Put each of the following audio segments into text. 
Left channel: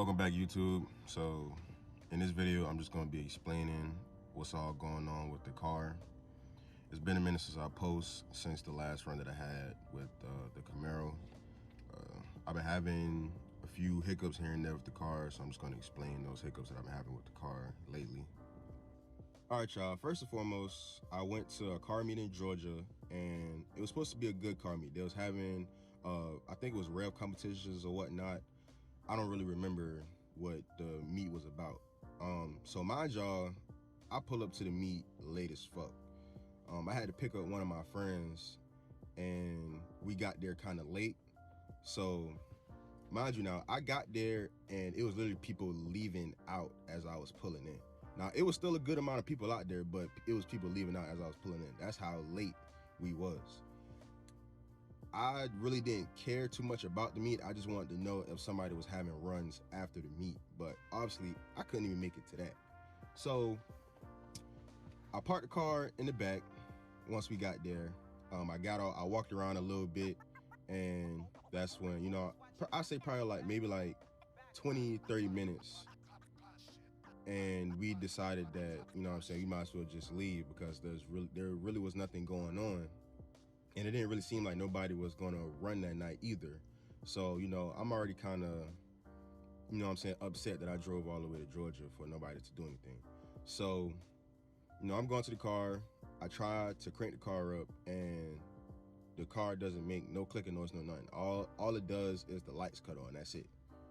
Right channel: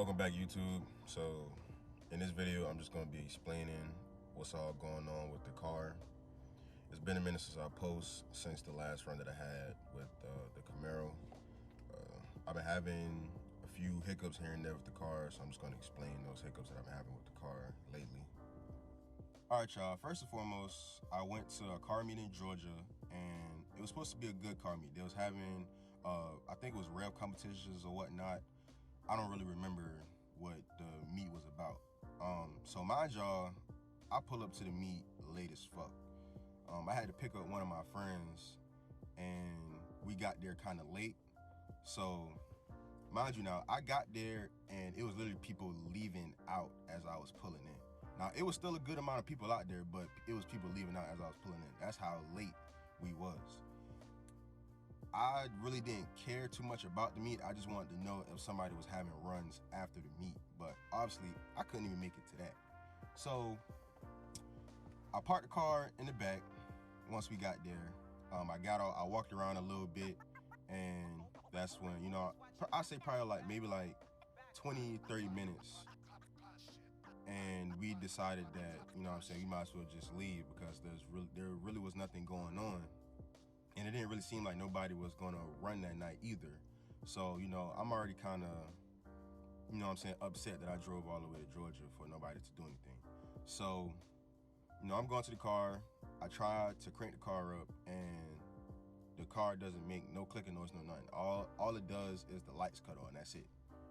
Welcome back, YouTube. So in this video, I'm just going to be explaining what's all going on with the car. It's been a minute since I post, since the last run that I had with the Camaro. I've been having a few hiccups here and there with the car, so I'm just going to explain those hiccups that I've been having with the car lately. All right, y'all. First and foremost, I went to a car meet in Georgia, and it was supposed to be a good car meet. They was having, I think it was rev competitions or whatnot. I don't really remember what the meet was about. So mind y'all, I pull up to the meet late as fuck. I had to pick up one of my friends, and we got there kind of late. So mind you, now I got there and it was literally people leaving out as I was pulling in. Now it was still a good amount of people out there, but it was people leaving out as I was pulling in. That's how late we was. I really didn't care too much about the meet. I just wanted to know if somebody was having runs after the meet, but obviously I couldn't even make it to that. So I parked the car in the back. Once we got there, I got out, I walked around a little bit, and that's when, you know, I say probably maybe 20-30 minutes, and we decided that, you know what I'm saying, we might as well just leave because there really was nothing going on. And it didn't really seem like nobody was gonna run that night either. So, you know, I'm already kind of, you know what I'm saying, upset that I drove all the way to Georgia for nobody to do anything. So, you know, I'm going to the car. I tried to crank the car up, and the car doesn't make no clicking noise, no nothing. All it does is the lights cut on. That's it.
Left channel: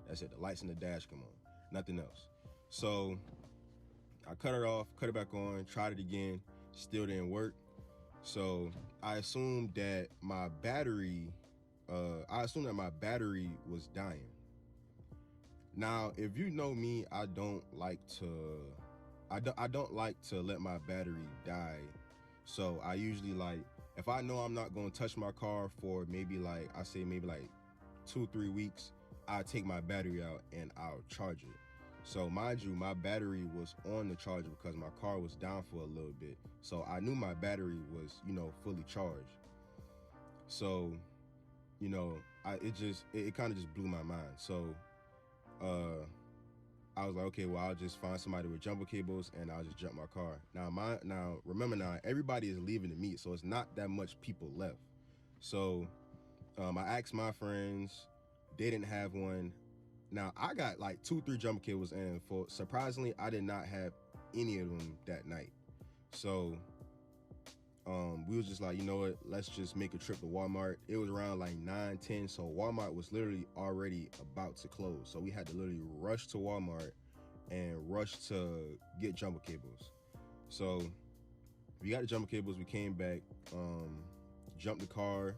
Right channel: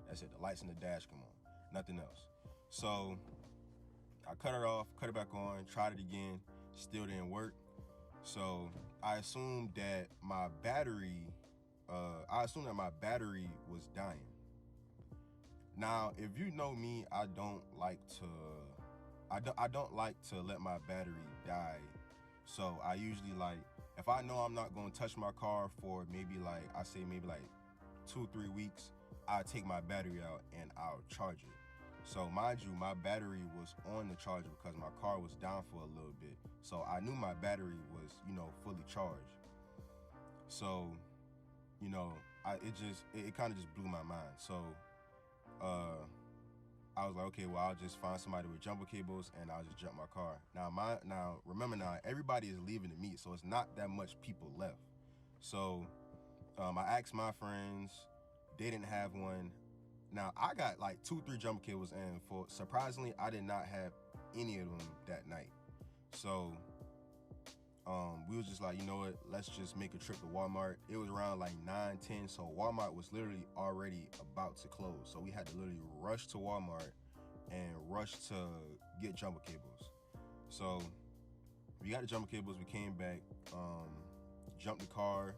That's it. The lights in the dash come on. Nothing else. So I cut it off, cut it back on, tried it again. Still didn't work. So I assumed that my battery was dying. Now, if you know me, I don't like to let my battery die. So I usually, like, if I know I'm not going to touch my car for maybe 2-3 weeks, I take my battery out and I'll charge it. So mind you, my battery was on the charger because my car was down for a little bit. So I knew my battery was, you know, fully charged. So, you know, it kind of just blew my mind. So I was like, okay, well, I'll just find somebody with jumper cables and I'll just jump my car. Now remember, everybody is leaving the meet, so it's not that much people left. So I asked my friends, they didn't have one. Now I got like 2-3 jumper cables, and surprisingly, I did not have any of them that night. So we was just like, you know what, let's just make a trip to Walmart. It was around like 9-10, so Walmart was literally already about to close. So we had to literally rush to Walmart and rush to get jumper cables. So we got the jumper cables, we came back, jumped the car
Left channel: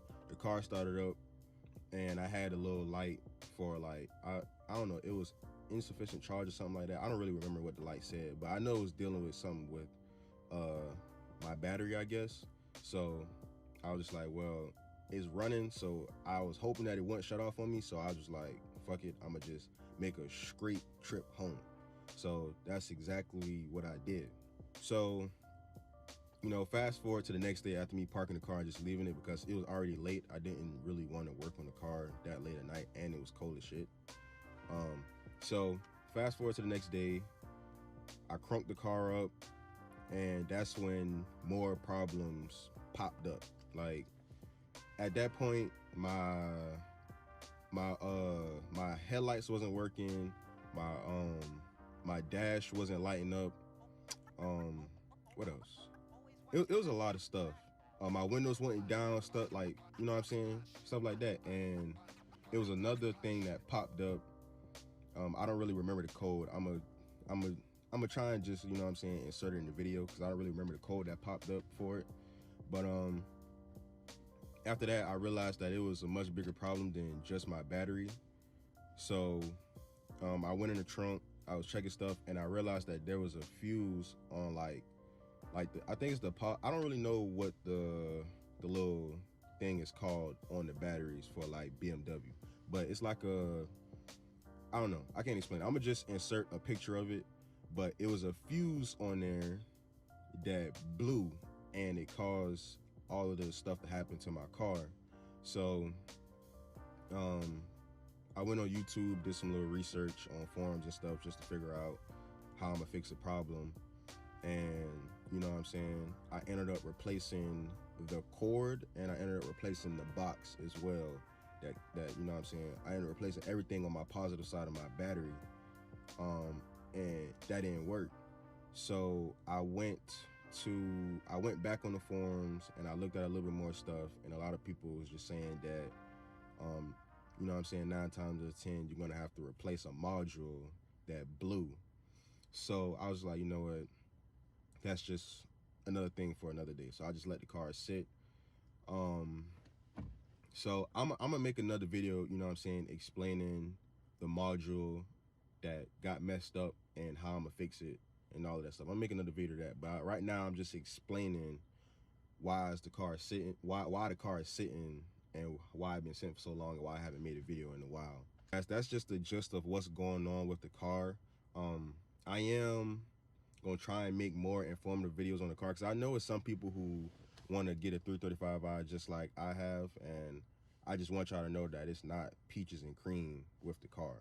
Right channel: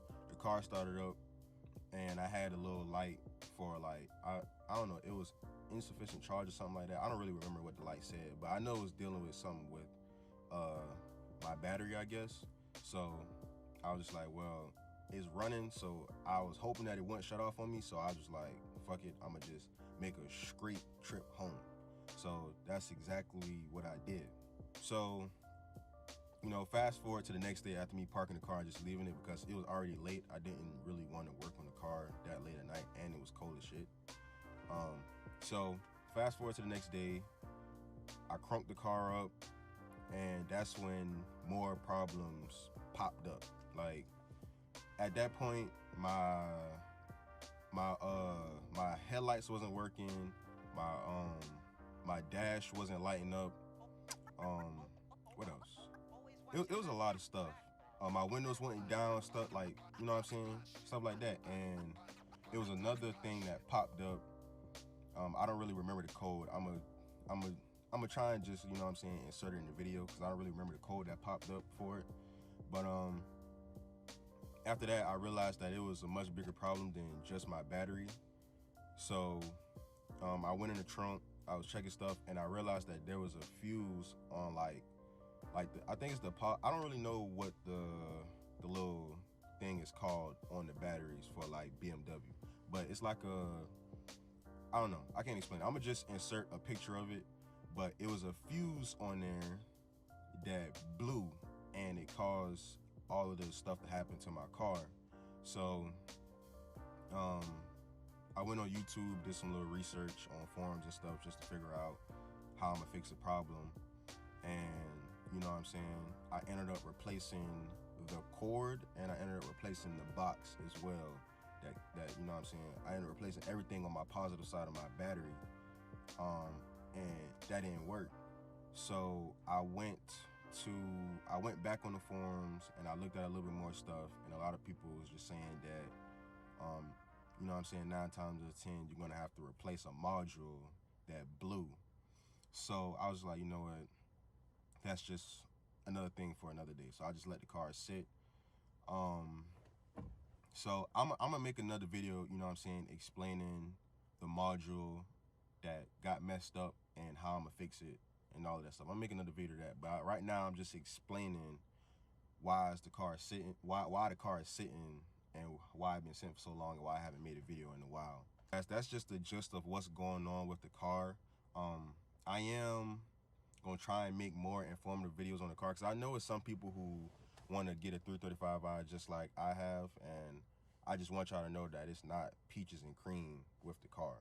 started up, and I had a little light for, like, I don't know, it was insufficient charge or something like that. I don't really remember what the light said, but I know it was dealing with something with my battery, I guess. So I was just like, well, it's running, so I was hoping that it wouldn't shut off on me. So I was just like, fuck it, I'm gonna just make a straight trip home. So that's exactly what I did. So, you know, fast forward to the next day after me parking the car and just leaving it because it was already late. I didn't really want to work on the car that late at night, and it was cold as shit. So fast forward to the next day, I crunked the car up, and that's when more problems popped up. Like, at that point, my headlights wasn't working, my dash wasn't lighting up. What else? It was a lot of stuff. My windows went down, stuff like, you know what I'm saying, stuff like that. And it was another thing that popped up. I don't really remember the code. I'm gonna try and just, you know what I'm saying, insert it in the video because I don't really remember the code that popped up for it. But after that, I realized that it was a much bigger problem than just my battery. So I went in the trunk, I was checking stuff, and I realized that there was a fuse on I think it's the pop. I don't really know what the little thing is called on the batteries for like BMW, but it's like I don't know, I can't explain it. I'm gonna just insert a picture of it, but it was a fuse on there that blew, and it caused all of this stuff to happen to my car. So I went on YouTube, did some little research on forums and stuff just to figure out how I'm gonna fix the problem. And you know what I'm saying, I ended up replacing the cord, and I ended up replacing the box as well. That you know what I'm saying, I ended up replacing everything on my positive side of my battery, and that didn't work. So I went back on the forums and I looked at a little bit more stuff, and a lot of people was just saying that you know what I'm saying, 9 times out of 10 you're gonna have to replace a module that blew. So I was like, you know what, that's just another thing for another day. So I just let the car sit. So I'm gonna make another video, you know what I'm saying, explaining the module that got messed up and how I'm gonna fix it and all of that stuff. I'm making another video of that, but right now I'm just explaining why is the car sitting, why the car is sitting, and why I've been sitting for so long, and why I haven't made a video in a while. That's just the gist of what's going on with the car. I am gonna try and make more informative videos on the car, because I know it's some people who want to get a 335i just like I have, and I just want y'all to know that it's not peaches and cream with the car.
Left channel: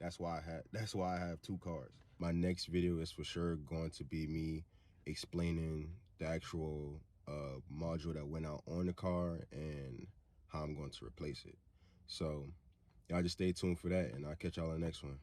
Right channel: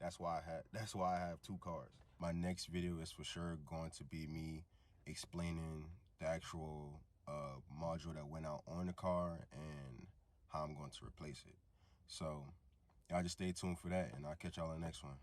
That's why I have 2 cars. My next video is for sure going to be me explaining the actual module that went out on the car and how I'm going to replace it. So y'all just stay tuned for that, and I'll catch y'all in the next one.